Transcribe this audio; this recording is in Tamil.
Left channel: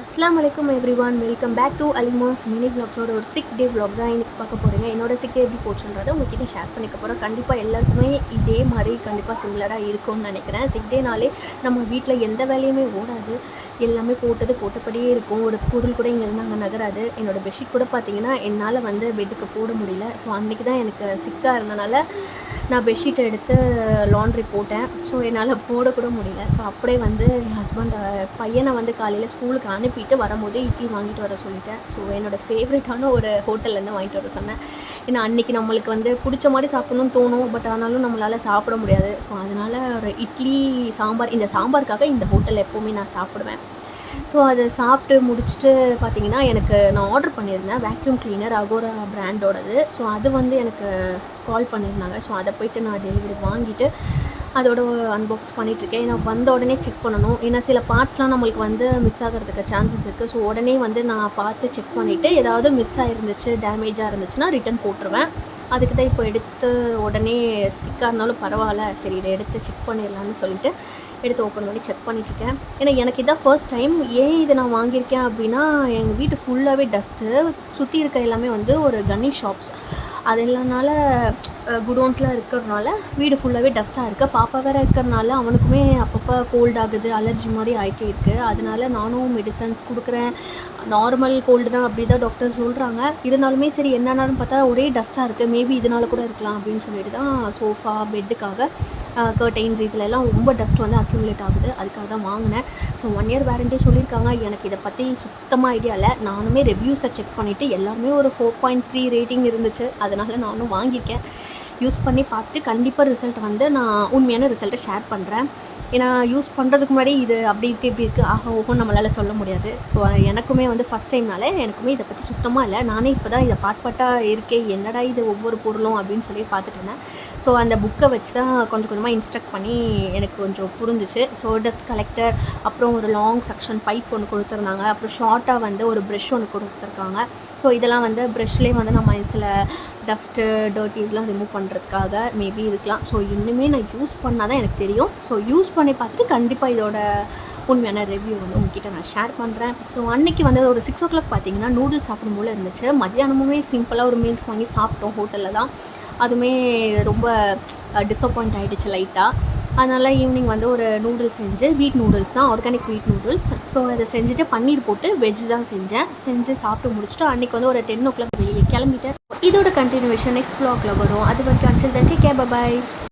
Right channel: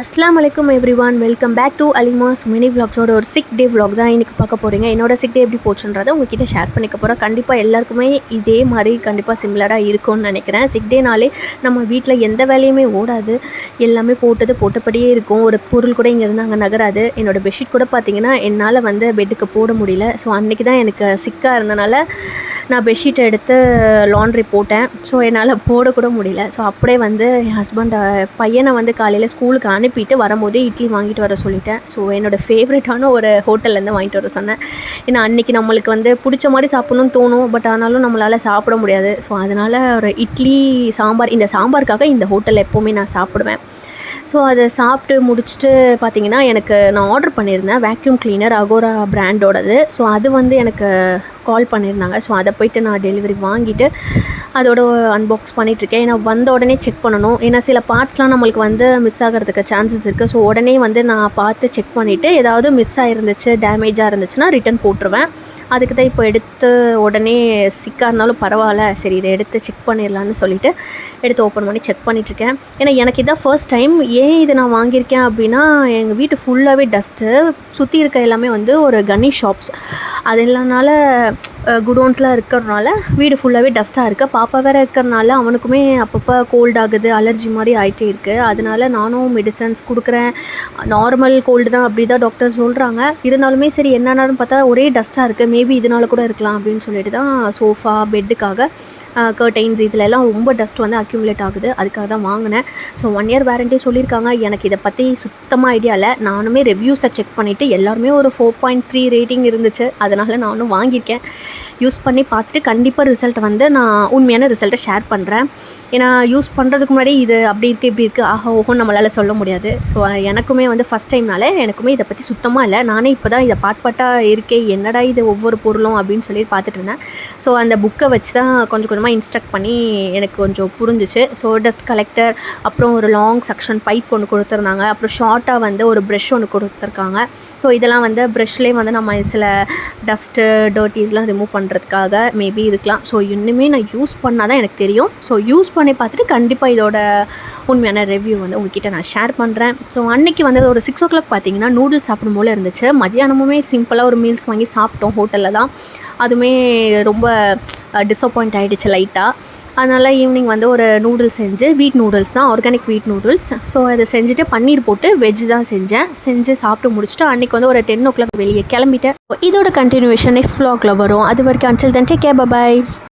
அஸ்ஸலாமு அலைக்கும் everyone, welcome back to Alima's mini விலாக்ஸோட ஒரு சிக் டே விலாக் தான் இன்றைக்கி பார்க்க போகிறீங்க. என்னோட சிக் டே எப்படி போச்சுன்றதை உங்ககிட்ட ஷேர் பண்ணிக்க போகிறேன். கண்டிப்பாக எல்லாருக்குமே இதே மாதிரி கண்டிப்பாக சிமிலராக இருக்கும்னு நினைக்கிறேன். சிக் டேனாலே நம்ம வீட்டில் எந்த வேலையுமே ஓடாது, எல்லாமே போட்டபடியே இருக்கும். ஒரு பொருள் கூட இங்கேருந்து அங்கே நகராது. என்னோடய பெட்ஷீட் கூட பார்த்திங்கன்னா என்னால் பெட்டுக்கு போட முடியல. ஸோ அன்றைக்கி தான் எனக்கு சிக்காக இருந்தனால நான் பெட்ஷீட்டை எடுத்து லாண்ட்ரி போட்டேன். ஸோ என்னால் போடக்கூட முடியல. ஸோ அப்படியே என் ஹஸ்பண்ட் பையனை காலையில் ஸ்கூலுக்கு அனுப்பிட்டு வரும்போதே இட்லி வாங்கிட்டு வர சொல்லிட்டேன். ஸோ என்னோடய ஃபேவரட்டான ஒரு ஹோட்டல்லேருந்து வாங்கிட்டு வர சொன்னேன். ஏன்னா அன்றைக்கி நம்மளுக்கு பிடிச்ச மாதிரி சாப்பிட்ணுன்னு தோணும், பட் ஆனாலும் நம்மளால் சாப்பிட முடியாது. ஸோ அதனால் ஒரு இட்லி சாம்பார், இந்த சாம்பாருக்காக இந்த ஹோட்டலில் எப்போவுமே நான் சாப்பிடுவேன். ஸோ அதை சாப்பிட்டு முடிச்சுட்டு பார்த்திங்கன்னா நான் ஆர்டர் பண்ணியிருந்தேன் வேக்யூம் கிளீனர் அகோரா பிராண்டோடது. ஸோ அது எனக்கு கால் பண்ணியிருந்தாங்க. ஸோ அதை போய்ட்டு நான் டெலிவரி வாங்கிட்டு அதோட அன்பாக்ஸ் பண்ணிகிட்ருக்கேன். ஏன்னா வந்த உடனே செக் பண்ணணும். ஏன்னா சில பார்ட்ஸ்லாம் நம்மளுக்கு மிஸ் ஆகிறதுக்கு சான்சஸ் இருக்குது. ஸோ உடனே நான் பார்த்து செக் பண்ணிவிட்டு ஏதாவது மிஸ் ஆகிருந்துச்சு, டேமேஜாக இருந்துச்சுன்னா ரிட்டன் போட்டுருவேன். அதுக்கு தான் இப்போ எடுத்து உடனே சிக்காக இருந்தாலும் பரவாயில்ல, சரி இதை எடுத்து செக் பண்ணிடலான்னு சொல்லிவிட்டு எடுத்து ஓப்பன் பண்ணி செக் பண்ணிகிட்ருக்கேன். ஏன்னா எனக்கு இதான் ஃபர்ஸ்ட் டைம். ஏன் இதை நான் வாங்கியிருக்கேன் அப்படின்னா, எங்கள் வீட்டு ஃபுல்லாகவே டஸ்ட்டு, சுற்றி இருக்க எல்லாமே ஒரு கன்னி ஷாப்ஸ், அது இல்லைனால குடோன்ஸ்லாம் இருக்கிறதுனால வீடு ஃபுல்லாகவே டஸ்ட்டாக இருக்குது. பாப்பா வேறு இருக்கிறனால அவனுக்குமே அப்பப்போ கோல்ட் ஆகுது, அலர்ஜி மாதிரி ஆகிட்டே இருக்குது. அதனால நானும் மெடிசன்ஸ் கொடுக்குறேன். நார்மல் கோல்டு தான் அப்படி தான் டாக்டர் சொல்கிறாங்க. இருந்தாலுமே சரி என்னென்னு பார்த்தா ஒரே டஸ்ட்டாக இருக்குது, மேபி இதனால கூட இருக்கலாம் அப்படின்னு சொல்லிட்டு தான் சோஃபா பெட்டுக்காக கர்டைன்ஸ் இதிலெல்லாம் ரொம்ப டஸ்ட் அக்யூமுலேட் ஆகுது. அதுக்காக தான் வாங்கினேன். ஸோ 1 இயர் வாரண்ட்டி சொல்லியிருக்காங்க. எனக்கு இதை பற்றி சுத்தமாக ஐடியா இல்லை. நானுமே ரிவ்யூஸை செக் பண்ணிவிட்டு எல்லாருமே ஒரு 4.3 ரேட்டிங் இருந்துச்சு. அதனால் நானும் வாங்கியிருக்கேன். யூஸ் பண்ணி பார்த்துட்டு கண்டிப்பாக ரிசல்ட்டை நான் உண்மையான ரிசல்ட்டை ஷேர் பண்ணுறேன். ஏன்னா யூஸ் பண்ணுறதுக்கு முன்னாடி இது அப்படி இருக்குது இப்படி இருக்குது ஆஹா ஓஹோன்னு நம்மளால் சொல்ல முடியாது. ஸோ எனக்குமே ஃபஸ்ட் டைம்னால எனக்குமே இதை பற்றி சுத்தமாக இல்லை. நானே இப்போ தான் இதை பாட்டாக இருக்கே, என்னடா இது ஒவ்வொரு பொருளும் அப்படின்னு சொல்லி பார்த்துட்டு இருந்தேன். ஸோ அந்த புக்கை வச்சு தான் கொஞ்சம் கொஞ்சமாக இன்ஸ்ட்ரக்ட் பண்ணி எனக்கு கொஞ்சம் புரிஞ்சிச்சு. ஸோ டஸ்ட் கலெக்டர், அப்புறம் ஒரு லாங் செக்ஷன் பைப் ஒன்று கொடுத்துருந்தாங்க. அப்புறம் ஷார்ட்டாக ஒரு ப்ரெஷ் ஒன்று கொடுத்துருக்காங்க. ஸோ இதெல்லாம் ப்ரெஷ்லேயே நம்ம சில டஸ்ட்டு டர்ட்டீஸ்லாம் ரிமூவ் பண்ணுறதுக்காக மேபி இருக்கலாம். ஸோ இன்னுமே நான் யூஸ் பண்ணால் தான் எனக்கு தெரியும். ஸோ யூஸ் பண்ணி பார்த்துட்டு கண்டிப்பாக இதோட உண்மையான ரிவ்யூ உங்ககிட்ட நான் ஷேர் பண்ணுறேன். ஸோ அன்றைக்கி ஒரு 6 o'clock பார்த்திங்கன்னா நூடுல்ஸ் சாப்பிடும் போல் இருந்துச்சு. மதியானமுமே சிம்பிளாக ஒரு மீல்ஸ் வாங்கி சாப்பிட்டோம் ஹோட்டலில் தான். அதுவுமே ரொம்ப டிஸப்பாயிண்ட் ஆகிடுச்சு லைட்டாக. அதனால் ஈவினிங் ஒரு நூடுல்ஸ் செஞ்சு, வீட் நூடுல்ஸ் தான், ஆர்கானிக் வீட் நூடுல்ஸ். ஸோ அதை செஞ்சுட்டு பன்னீர் போட்டு வெஜ் தான் செஞ்சு சாப்பிட்டு முடிச்சுட்டு அன்றைக்கி ஒரு 10 o'clock வெளியே கிளம்பிட்டேன். இதோட கண்டினியூவேஷன் நெக்ஸ்ட் vlogல வரும். அது வரைக்கும் until then take care, bye bye.